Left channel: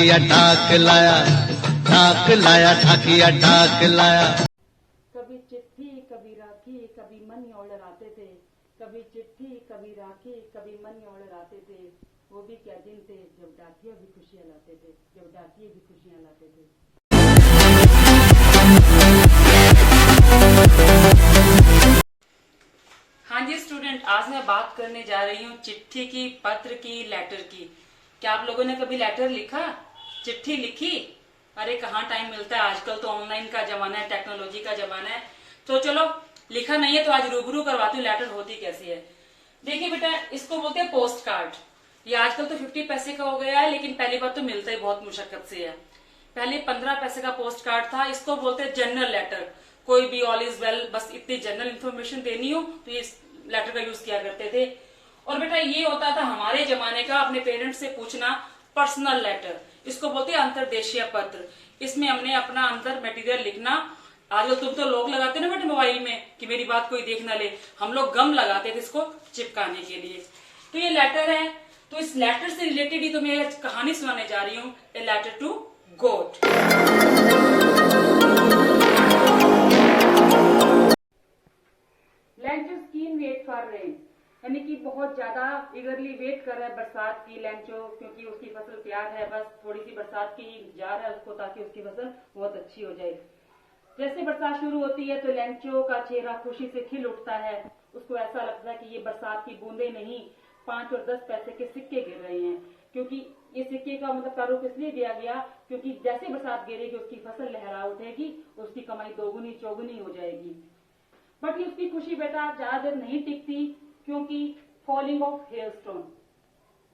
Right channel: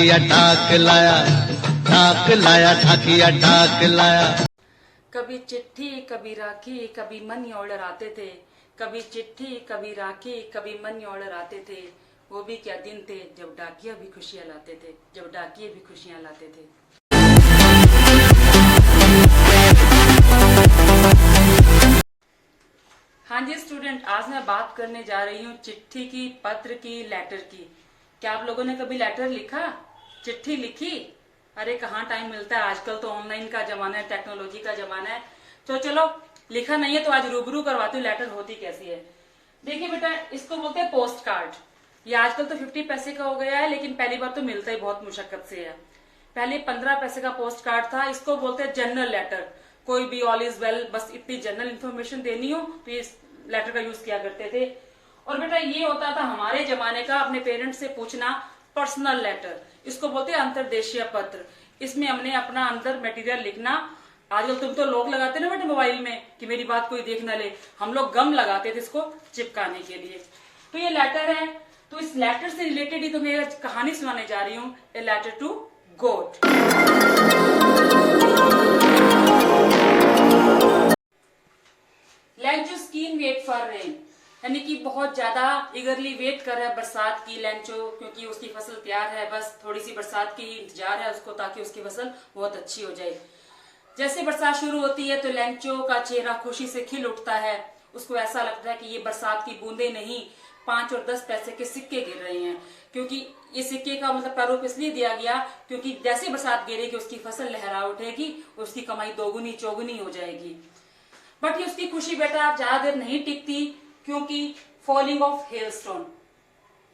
ठाकिया ठाक लाया, ठाक लाया, ठाकिया ठाक लाया। कभी चिट्ठी कभी राखी कभी मनी ऑर्डर आते थे, कभी चिट्ठी कभी राखी कभी मनी ऑर्डर आते थे। वो भी क्या दिन थे जब डाकिया भी खुशियां लाते थे, जब डाकिये भी खुशियां लाते थे। हाँ जी स्टूडेंट, आज मैं बात करने जा रही हूँ चिट्ठी की, पत्र की, लेटर की। क्या आप लोगों ने कभी लेटर लिखा, चिट्ठी लिखी? अरे कहाँ टाइम मिलता है, आजकल तो ऑनलाइन का जमाना है, टेक्नोलॉजी का जमाना है। तो चलो, लिखा नहीं है तो आज रूबरू करवाती हूँ लेटर होती कैसी है। देखिए बेटा, इसको बोलते हैं पोस्ट कार्ड। ये आजकल तो 50 पैसे का हो गया है, लेकिन पहली बार तो मिलता ही बहुत मुशक्कत से है। पहले 15 पैसे का पोस्ट कार्ड था। इसको बोलते हैं जनरल लेटर। कोई भी ऑल इज वेल, बस इतनी जनरल इन्फॉर्मेशन देनी हो तो इस लेटर का यूज किया करते थे। और बेटा ये होता था हमारे जमाने का अपने पेरेंट्स से पूछना, पर्सनल लेटर। इसको बोलते हैं अंतरदेशीय पत्र। इसमें हमने अपना अंदर मटेरियल लिखना। आजकल तुम तो लोग लगाते ना बेटे मोबाइल में कि मेरी बात कोई देख ना ले, हम लोग गम लगाते थे इसको चिपकाने के लिए। तो ये लेटर है, तो इस लेटर से रिलेटेड ही तो मैं कहानी सुनाने जा रही हूँ, a letter to God. Lencho skin wait for rain, यानी कि बहुत ज्यादा इगरली वेट कर रहा है बरसात की लेंचो, क्योंकि उसकी फसल तैयार है, बस थोड़ी सी बरसात की इंतजार है उसको, ताकि उसकी फसल बहुत अच्छी हो जाए। जैसे बरसात शुरू होती है तो लेंचो का चेहरा खुशी से खिल उठता है। उसको ऐसा लगता है कि ये बरसात की बूंदे नहीं, 5 और 10 पैसे के सिक्के गिर रहे हैं। क्योंकि ये सिक्के का मतलब प्रारूप इसलिए दिया गया क्योंकि जैसे बरसात गिरेगी उसकी फसल लहरा उठेगी, उसकी कमाई दोगुनी चौगुनी हो जाएगी। बट ये उसकी खुशी बेटा ज्यादा देर नहीं टिकती, क्योंकि फॉलिंग ऑफ हेलस्टोन,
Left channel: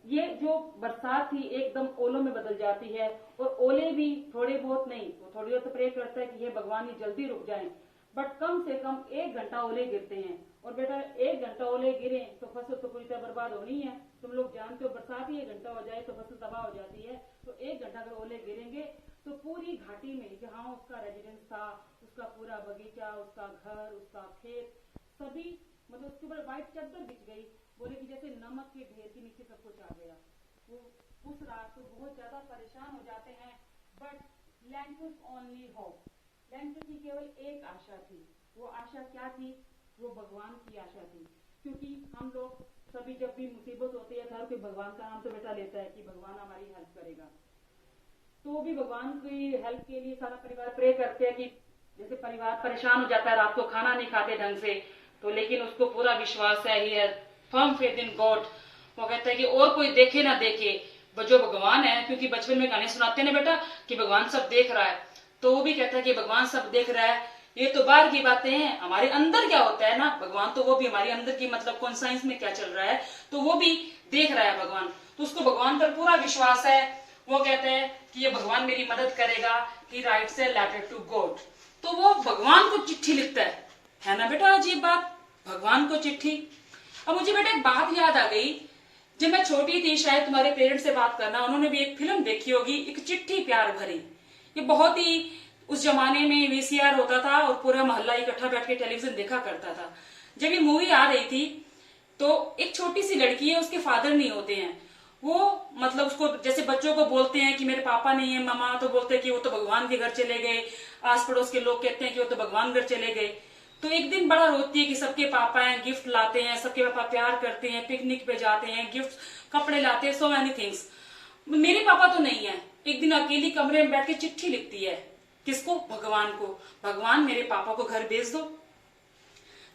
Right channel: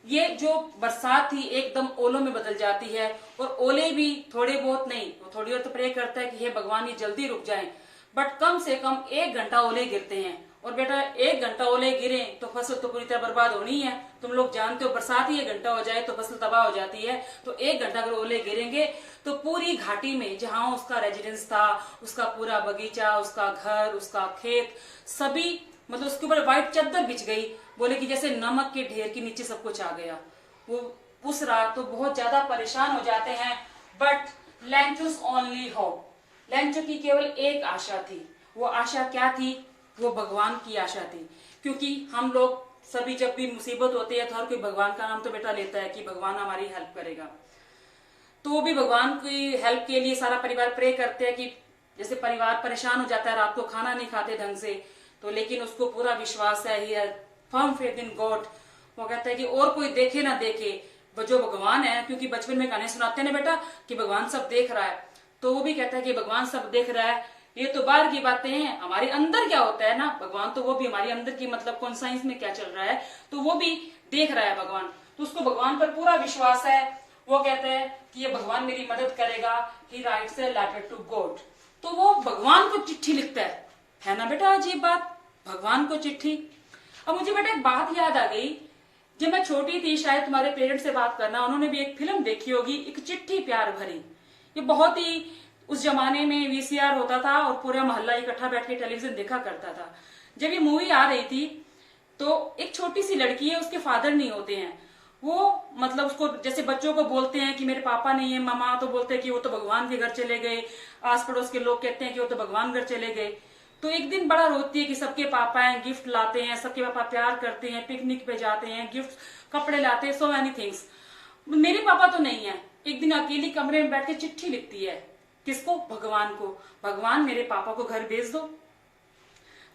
ये जो बरसात थी एकदम ओलों में बदल जाती है। और ओले भी थोड़े बहुत नहीं, वो थोड़ी और तो प्रे करता है कि हे भगवान ये जल्दी रुक जाएं, बट कम से कम 1 घंटा ओले गिरते हैं। और बेटा 1 घंटा ओले गिरे तो फसल तो पूरी तरह बर्बाद होनी है। तुम लोग जानते हो बरसात ही 1 घंटा हो जाए तो फसल तबाह हो जाती है। तो 1 घंटा अगर ओले गिरेंगे तो पूरी घाटी में जहां उसका रेजिडेंस था, उसका पूरा बगीचा, उसका घर, उसका खेत, सभी मतलब उसके ऊपर व्हाइट चादर बिछ गई। बोले कि जैसे नमक के ढेर के नीचे सब कुछ आ गया। वो उस रात तो बहुत ज्यादा परेशान हो जाते हैं। बट लेंचोस ओनली होप, लेंचो की केवल एक आशा थी। वो आशा क्या थी? वो भगवान की आशा थी। क्योंकि हम लोग सभी जब भी मुसीबत होती है तो हर कोई भगवान का नाम तो बेटा लेता है कि भगवान हमारी हेल्प करेगा। तो वो भी भगवान की हेल्प के लिए सारा परिवार प्रे करते हैं कि जैसे परिवार परेशान हो जाता है, रात को खाना नहीं खाते ढंग से, तो लेकिन उसको पूरा विश्वास है, ही है फर्म फेथ इन गॉड। वो कहता है कि और कोई देखे ना देखे, जो भगवान है, क्योंकि बचपन में कहानी सुनाते हैं ना बेटा कि भगवान सब देख रहा है, तो वो भी कहता है कि भगवान सब देख रहा है। ये तो बाहर की बातें हैं, हमारे अंदर क्या होता है ना भगवान, तो वो भी हमारे अंदर की मतलब कॉन्साइंस में क्या चल रहा है तो वो भी देख रहा है भगवान। तो उसको भगवान पर पूरा विश्वास है। वो कहते हैं कि ये भगवान मेरी मदद करेगा। He writes a letter to God. तो वो भगवान को चिट्ठी लिखता है ना बेटा अजीब बात, भगवान को चिट्ठी। अब मुझे बेटा एक बात याद आ गई, जब मैं छोटी थी, शायद तुम्हारे पेरेंट्स से बात करना, उन्होंने भी एक फिल्म देखी होगी, एक चिट्ठी प्यार भरी। ये बहुत ही उस जमाने में वीसीआर होता था और पूरा मोहल्ला इकट्ठा बैठ के टेलीविजन देखा करता था। जब ये मूवी आ रही थी तो एक छोटी सी लड़की है, उसके फादर नहीं होते हैं। वो मतलब उसको जैसे बच्चों को बोलते हैं कि मेरे पापा नहीं है, मामा तो बोलते हैं कि वो तो भगवान के घर चले गए, आस पड़ोस के लोग कहते हैं कि वो तो भगवान घर चले गए। तो एक दिन बड़ा रोती है कि सबके पापा हैं, गिफ्ट लाते हैं, सबके पापा प्यार करते हैं, पिकनिक पे जाते हैं, गिफ्ट कपड़े लाते हैं, सो मेनी थिंग्स, मेरे पापा तो नहीं है। एक दिन अकेली कमरे में बैठ के चिट्ठी लिखती है, किसको? भगवान को। भगवान मेरे पापा को घर भेज दो।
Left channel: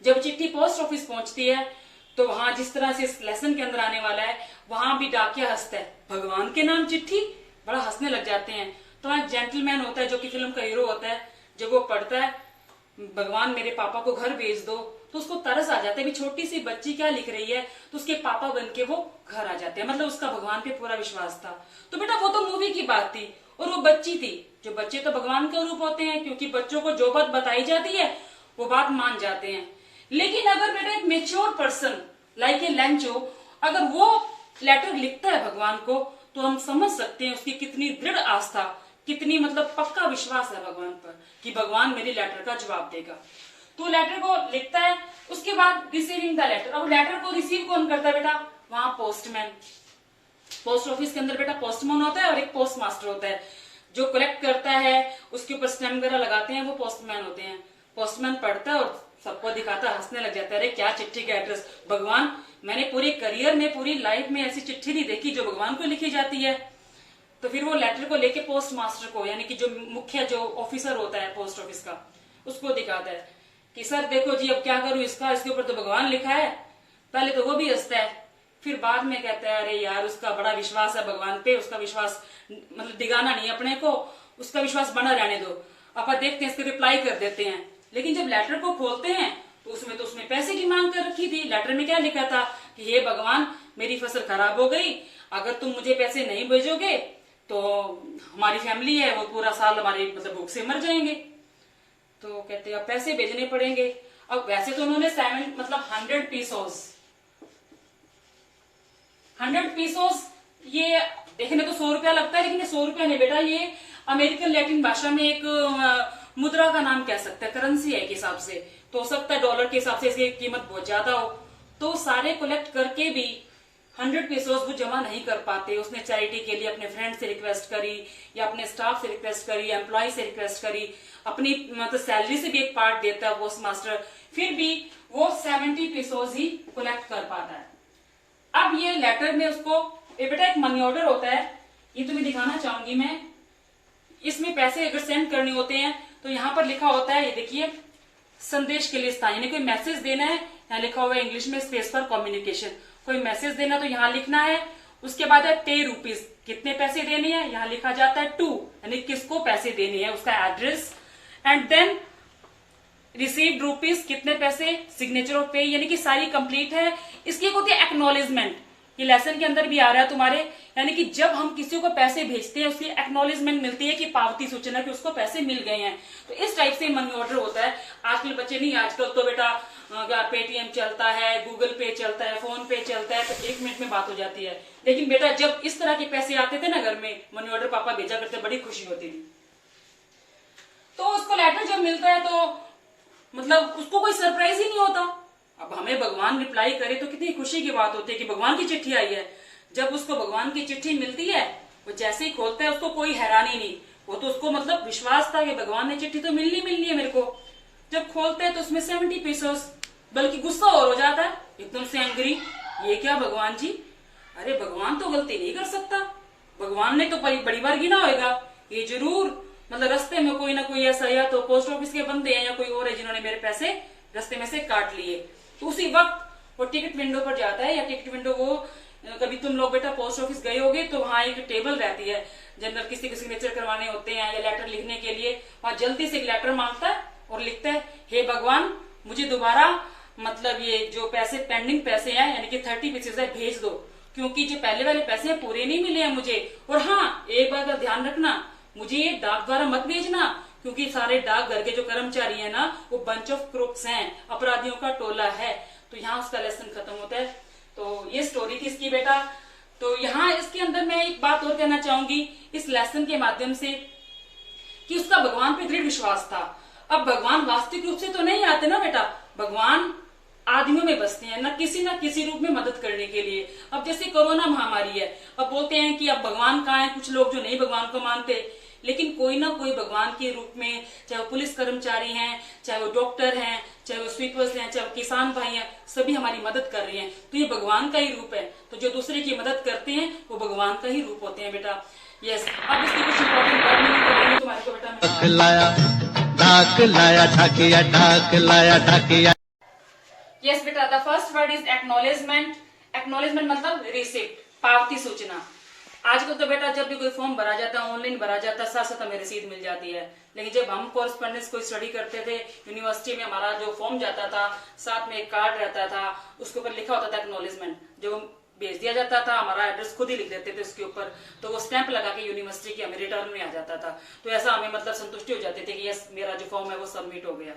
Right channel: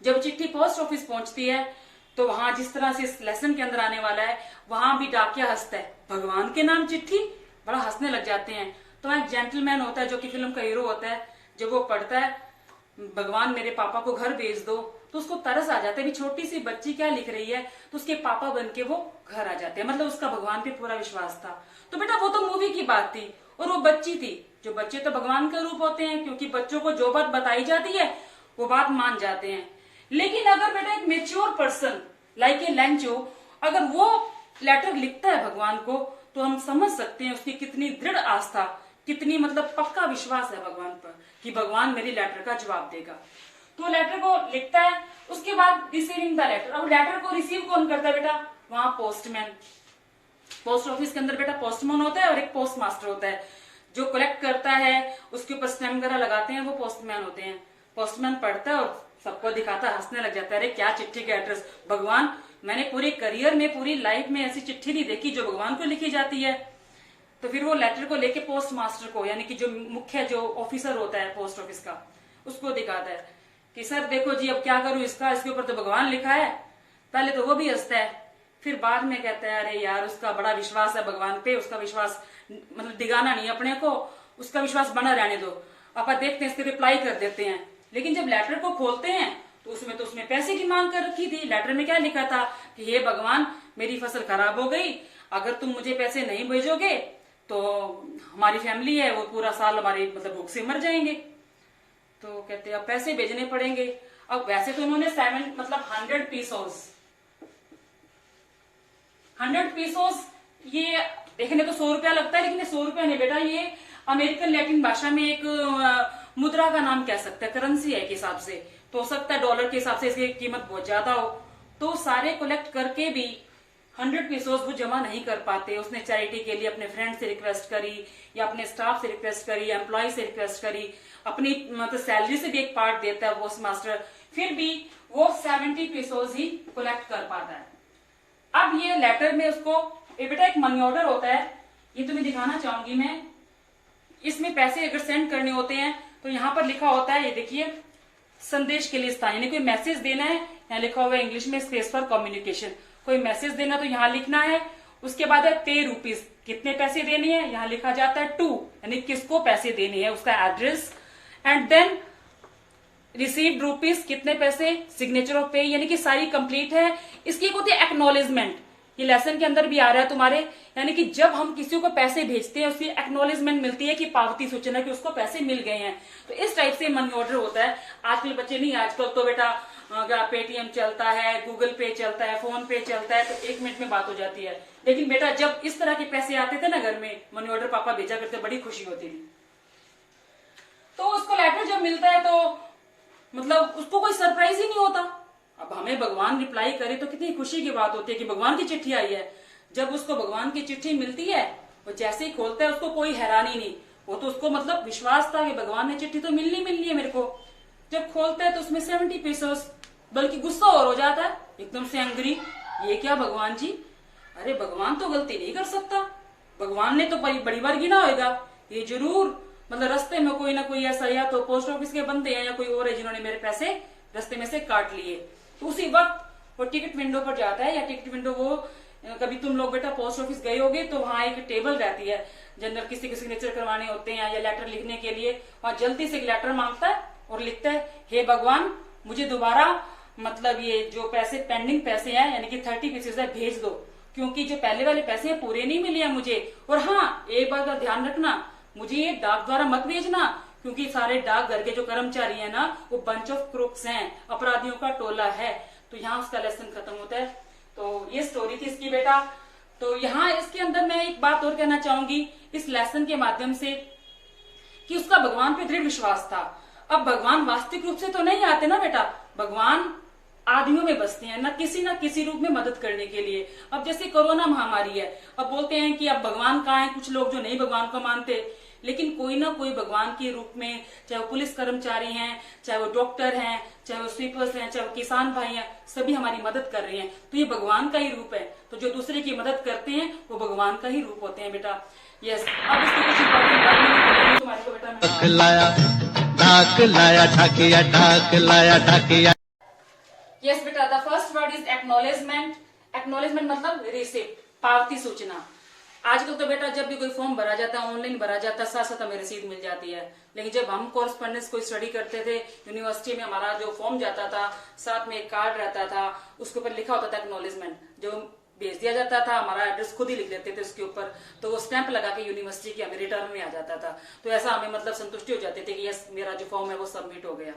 जब चिट्ठी पोस्ट ऑफिस पहुंचती है तो वहां जिस तरह से इस लेसन के अंदर आने वाला है, वहां भी डाकिया हंसता है, भगवान के नाम चिट्ठी, बड़ा हंसने लग जाते हैं। तो एक जेंटलमैन होता है जो कि फिल्म का हीरो होता है, जब वो पढ़ता है भगवान मेरे पापा को घर भेज दो, तो उसको तरस आ जाता है, भी छोटी सी बच्ची क्या लिख रही है, तो उसके पापा बन के वो घर आ जाते हैं। मतलब उसका भगवान पे पूरा विश्वास था। तो बेटा वो तो मूवी की बात थी, और वो बच्ची थी। जो बच्चे तो भगवान का रूप होते हैं, क्योंकि बच्चों को जो बात बताई जाती है वो बात मान जाते हैं। लेकिन अगर बेटा एक mature person like a Lencho अगर वो लेटर लिखता है भगवान को, तो हम समझ सकते हैं उसकी कितनी दृढ़ आस्था, कितनी मतलब पक्का विश्वास है भगवान पर कि भगवान मेरी लेटर का जवाब देगा। तो लेटर को लिखता है। उसके बाद रिसीविंग द लेटर। अब लेटर को रिसीव कौन करता है बेटा? वहां पोस्टमैन। पोस्ट ऑफिस के अंदर बेटा पोस्टमैन होता है और एक पोस्ट मास्टर होता है। जो कलेक्ट करता है उसके ऊपर स्टैम्प वगैरह लगाते हैं वो पोस्टमैन होते हैं। पोस्टमैन पढ़ता है और सबको दिखाता है, हंसने लग जाता है, अरे क्या चिट्ठी का एड्रेस, भगवान मैंने पूरे करियर में पूरी लाइफ में ऐसी चिट्ठी नहीं देखी जो भगवान को लिखी जाती है। तो फिर वो लेटर को लेके पोस्ट मास्टर को, यानी कि जो मुख्य जो ऑफिसर होता है पोस्ट ऑफिस का, उसको दिखाता है कि सर देखो जी अब क्या करूं इसका, इसके ऊपर तो भगवान लिखा है। पहले तो वो भी हंसता है, फिर बाद में कहता है अरे यार उसका बड़ा विश्वास है भगवान पे, उसका विश्वास मतलब दिगाना नहीं अपने को, उसका विश्वास बना रहने दो, अपन देखते हैं इसके रिप्लाई कर देते हैं। लेकिन जब लेटर को खोलते हैं तो उसमें पैसे की मांग कर रखी थी। लेटर में क्या लिखा था कि हे भगवान मेरी फसल खराब हो गई, अगर तुम मुझे पैसे नहीं भेजोगे तो हमारी फैमिली है वो पूरा साल हमारी मतलब भूख से मर जाएंगे। तो कहते हैं अब पैसे भेजने पड़ेंगे। अब वैसे तो उन्होंने 7 मतलब 100 पीसोस ये देखने को 100 रुपया लगता है, लेकिन ये 100 रुपया नहीं बेटा, ये अमेरिकन लैटिन भाषा में एक मुद्रा का नाम कह सकते हैं, करेंसी है के हिसाब से। तो हो सकता है डॉलर के हिसाब से इसकी कीमत बहुत ज्यादा हो। तो सारे कलेक्ट करके भी 100 पीसोस वो जमा नहीं कर पाते। उसने चैरिटी के लिए अपने फ्रेंड से रिक्वेस्ट करी या अपने स्टाफ से रिक्वेस्ट करी, एम्प्लॉय से रिक्वेस्ट करी, अपनी मतलब सैलरी से भी एक पार्ट देता है पोस्ट मास्टर, फिर भी वो 70 पीसोस ही कलेक्ट कर पाता है। अब ये लेटर में उसको बेटा एक मनी ऑर्डर होता है, ये तुम्हें दिखाना चाहूंगी मैं। इसमें पैसे अगर सेंड करने होते हैं तो यहाँ पर लिखा होता है, ये देखिए, संदेश के लिए स्थान, यानी कोई मैसेज देना है, यहाँ लिखा हुआ है इंग्लिश में स्पेस फॉर कम्युनिकेशन। कोई मैसेज देना तो यहाँ लिखना है। उसके बाद है पे रुपीज, कितने पैसे देने हैं, यहाँ लिखा जाता है टू, यानी किसको पैसे देने हैं, उसका address. And then received rupees, कितने पैसे, सिग्नेचर ऑफ पे, यानी कि सारी कंप्लीट है। इसकी एक होती है एक्नॉलेजमेंट, ये लेसन के अंदर भी आ रहा है तुम्हारे, यानी कि जब हम किसी को पैसे भेजते हैं उसकी एक्नॉलेजमेंट मिलती है कि पावती सूचना कि उसको पैसे मिल गए हैं। तो इस टाइप से मनी ऑर्डर होता है। आजकल बच्चे नहीं, आजकल तो बेटा पेटीएम चलता है, गूगल पे चलता है, फोन पे चलता है, तो 1 मिनट में बात हो जाती है। लेकिन बेटा जब इस तरह के पैसे आते थे ना घर में, मनी ऑर्डर पापा भेजा करते, बड़ी खुशी होती थी। तो उसको लेटर जब मिलता है तो मतलब उसको कोई सरप्राइज ही नहीं होता। अब हमें भगवान रिप्लाई करे तो कितनी खुशी की बात होती है कि भगवान की चिट्ठी आई है। जब उसको भगवान की चिट्ठी मिलती है वो जैसे ही खोलता है उसको कोई हैरानी नहीं, वो तो उसको मतलब विश्वास था कि भगवान ने चिट्ठी तो मिलनी है मेरे को। जब खोलते हैं तो उसमें 70 पीसोस, बल्कि गुस्सा और हो जाता है एकदम से एंग्री, ये क्या भगवान जी, अरे भगवान तो गलती नहीं कर सकता, भगवान ने तो बड़ी बार गिना होगा, ये जरूर मतलब रास्ते में कोई ना कोई ऐसा या तो पोस्ट ऑफिस के बंदे हैं या कोई और है जिन्होंने मेरे पैसे रास्ते में से काट लिए। तो उसी वक्त वो टिकट विंडो पर जाता है, या टिकट विंडो वो कभी तुम लोग बेटा पोस्ट ऑफिस गए होगे तो वहां एक टेबल रहती है, जनरल किसी के सिग्नेचर करवाने होते हैं या लेटर लिखने के लिए, वहां जल्दी से एक लेटर मांगता है और लिखता है, हे भगवान मुझे दोबारा मतलब ये जो पैसे पेंडिंग पैसे हैं यानी कि 30 पीसेस है भेज दो, क्योंकि जो पहले वाले पैसे हैं पूरे नहीं मिले हैं मुझे। और हाँ एक बात का ध्यान रखना, मुझे ये डाक द्वारा मत भेजना, क्योंकि सारे डाक घर के जो कर्मचारी हैं ना वो बंच ऑफ क्रूक्स हैं, अपराधियों का टोला है। तो यहाँ उसका लेसन खत्म होता है। तो ये स्टोरी थी इसकी बेटा। तो यहाँ इसके अंदर मैं एक बात और कहना चाहूंगी इस लेसन के माध्यम से कि उसका भगवान पे दृढ़ विश्वास था। अब भगवान वास्तविक रूप से तो नहीं आते ना बेटा, भगवान आदमियों में बसते हैं, ना किसी रूप में मदद करने के लिए। अब जैसे कोरोना महामारी है, अब बोलते हैं कि अब भगवान कहाँ है, कुछ लोग जो नहीं भगवान को मानते, लेकिन कोई ना कोई भगवान के रूप में, चाहे वो पुलिस कर्मचारी हैं, चाहे वो डॉक्टर हैं, चाहे वो स्वीपर्स हैं, चाहे वो किसान भाई हैं, सभी हमारी मदद कर रहे हैं। तो ये भगवान का ही रूप है। तो जो दूसरे की मदद करते हैं वो भगवान का ही रूप होते हैं बेटा। यस, अब इसकी कुछ इंपॉर्टेंट बात नहीं तुम्हारे को बेटा, ढाक लाया ढाकिया, ढाक लाया ढाकिया। यस बेटा, the first word is acknowledgement. Acknowledgement मतलब रिसिप्ट, पावती सूचना। आजकल तो बेटा जब भी कोई फॉर्म भरा जाता है, ऑनलाइन भरा जाता है, साथ साथ हमें रसीद मिल जाती है। लेकिन जब हम कोर्सपोंडेंस कोई स्टडी करते थे यूनिवर्सिटी में, हमारा जो फॉर्म जाता था साथ में एक कार्ड रहता था, उसके ऊपर लिखा होता था एक्नॉलेजमेंट, जो भेज दिया जाता था, हमारा एड्रेस खुद ही लिख देते थे उसके ऊपर, तो वो स्टैंप लगा के यूनिवर्सिटी की हमें रिटर्न में आ जाता था। तो ऐसा हमें मतलब संतुष्टि हो जाती थी कि यस मेरा जो फॉर्म है वो सबमिट हो गया।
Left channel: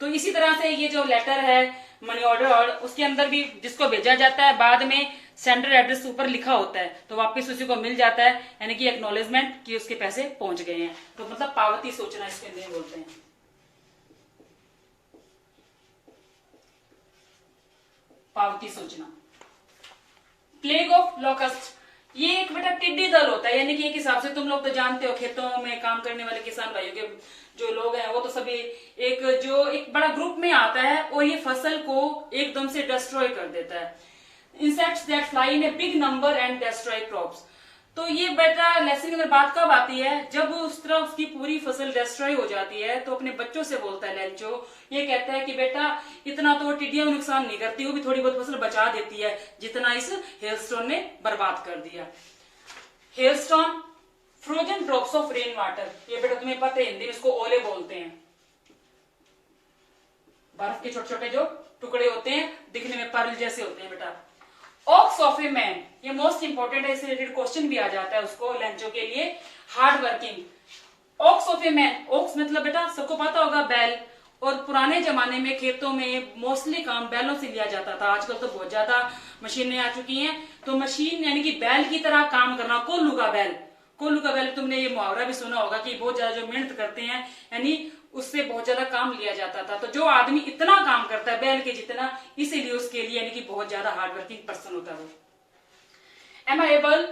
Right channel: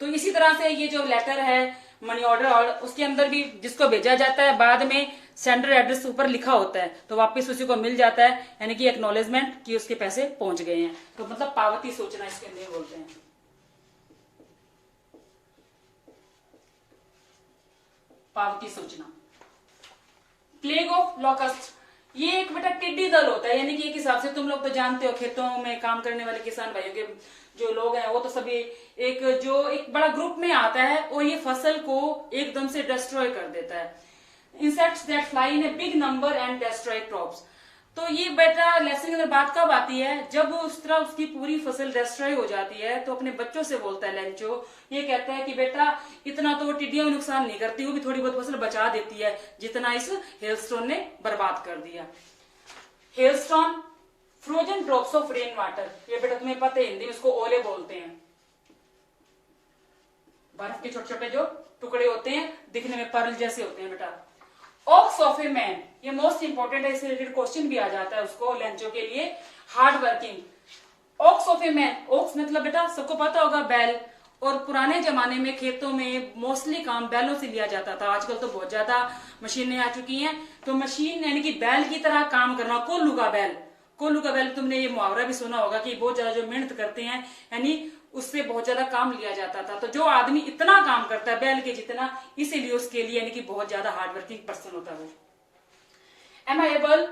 तो इसी तरह से ये जो लेटर है मनी ऑर्डर, और उसके अंदर भी जिसको भेजा जाता है बाद में सेंडर एड्रेस ऊपर लिखा होता है, तो वापस उसी को मिल जाता है, यानी कि एक्नॉलेजमेंट कि उसके पैसे पहुंच गए हैं। तो मतलब पावती सूचना इसके अंदर बोलते हैं। पावती सूचना। प्लेग ऑफ लॉकस्ट, ये एक बेटा टिड्डी दल होता है, यानी कि एक हिसाब से तुम लोग तो जानते हो, खेतों में काम करने वाले किसान भाइयों के जो लोग हैं वो तो सभी एक बड़ा ग्रुप में आता है और ये फसल को एकदम से डिस्ट्रॉय कर देता है। Insects that fly in a big number and destroy crops. तो ये बेटा लेसन के अंदर बात कब आती है, जब उस तरह उसकी पूरी फसल डिस्ट्रॉय हो जाती है तो अपने बच्चों से बोलता है लेंचो, ये कहता है कि बेटा इतना तो वो टिड्डियां नुकसान नहीं करती, वो भी थोड़ी बहुत फसल बचा देती है जितना इस हेलस्टोन ने बर्बाद कर दिया। Hailstone frozen drops of rain water, ये बेटा तुम्हें पता है हिंदी में इसको ओले बोलते हैं। बर्फ के छोटे छोटे जो टुकड़े होते हैं दिखने में पर्ल जैसे होते हैं बेटा। ऑक्स ऑफ ए मैन, ये मोस्ट इंपोर्टेंट है, इससे रिलेटेड क्वेश्चन भी आ जाता है उसको लेंचो के लिए। Hard working. Ox of a man, ox मतलब बेटा सबको पता होगा बैल, और पुराने जमाने में खेतों में मोस्टली काम बैलों से लिया जाता था। आजकल तो बहुत ज्यादा मशीनें आ चुकी हैं, तो मशीन यानी कि बैल की तरह काम करना, कोल्लू का बैल। कोल्लू का बैल तुमने ये मुहावरा भी सुना होगा कि बहुत ज्यादा जो मेहनत करते हैं, यानी उससे बहुत ज्यादा काम लिया जाता था। तो जो आदमी इतना काम करता है बैल के जितना, इसीलिए उसके लिए यानी कि बहुत ज्यादा हार्डवर्किंग पर्सन होता है वो। एमेबल,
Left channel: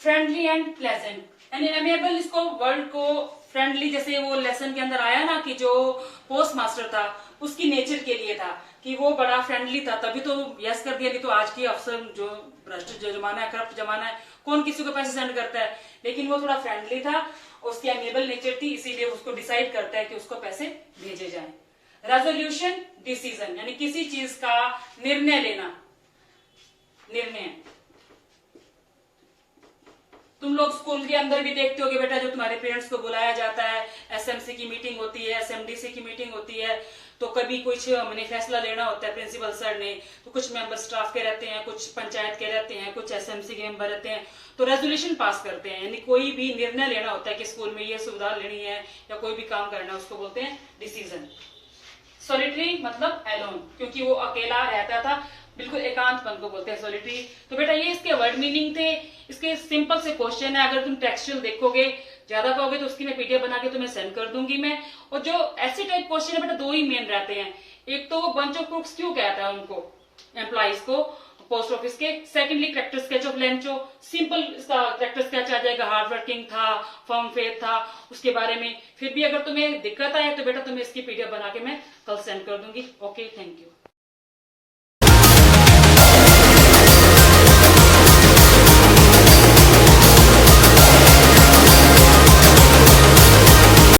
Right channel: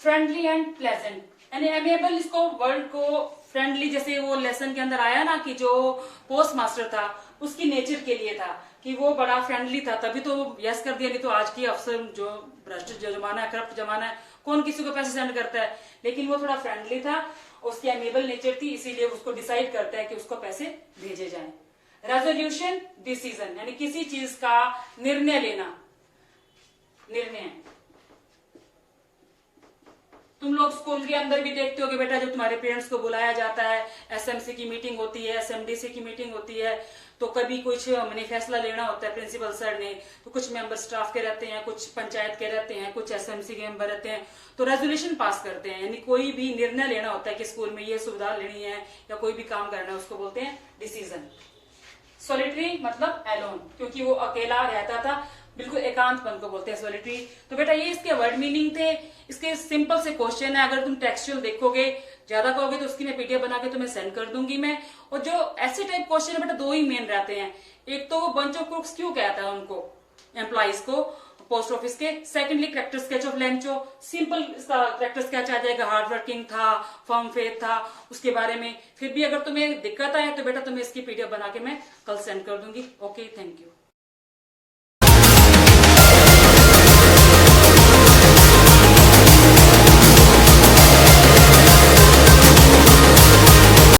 फ्रेंडली एंड प्लेजेंट, यानी एमेबल इसको वर्ड को फ्रेंडली, जैसे वो लेसन के अंदर आया ना कि जो पोस्ट मास्टर था उसकी नेचर के लिए था कि वो बड़ा फ्रेंडली था, तभी तो यस कर दिया। नहीं तो आज की अफसर जो भ्रष्ट जमाना है, करप्ट जमाना है, कौन किसी को पैसे सेंड करता है, लेकिन वो थोड़ा फ्रेंडली था, उसकी एमेबल नेचर थी, इसीलिए उसको डिसाइड करता है कि उसको पैसे भेजे जाएं। रेजोल्यूशन, डिसीजन, यानी किसी चीज का निर्णय लेना। निर्णय तुम लोग स्कूल के अंदर भी देखते होगे बेटा, जो तुम्हारे पेरेंट्स को बुलाया जाता है, एसएमसी की मीटिंग होती है, एसएमडीसी की मीटिंग होती है, तो कभी कुछ मैंने फैसला लेना होता है प्रिंसिपल सर ने, तो कुछ मेंबर स्टाफ के रहते हैं, कुछ पंचायत के रहते हैं, कुछ एसएमसी के मेंबर रहते हैं, तो रेजोल्यूशन पास करते हैं, यानी कोई भी निर्णय लेना होता है कि स्कूल में ये सुविधा लेनी है या कोई भी काम करना है, उसको बोलते हैं डिसीजन। सॉलिटरी मतलब एलोन, क्योंकि वो अकेला रहता था, बिल्कुल एकांतपन को बोलते हैं सॉलिटरी। तो बेटा ये इसके वर्ड मीनिंग थे। इसके सिंपल से क्वेश्चन है, अगर तुम टेक्सचुअल देखोगे, ज्यादा कहोगे तो उसकी मैं पीडीएफ बना के तुम्हें सेंड कर दूंगी मैं। और जो ऐसे टाइप क्वेश्चन है बेटा, दो ही मेन रहते हैं, एक तो वो बंच ऑफ क्रूक्स क्यों कहता है उनको, एम्प्लॉइज को पोस्ट ऑफिस के। Secondly character sketch of Lencho, simple इसका कैरेक्टर स्केच आ जाएगा, हार्ड वर्किंग था, फर्म फेथ था, उसके बारे में। फिर भी अगर तुम्हें दिक्कत आए तो बेटा तुम्हें इसकी पीडीएफ बना के मैं कल सेंड कर दूंगी। Okay, thank you.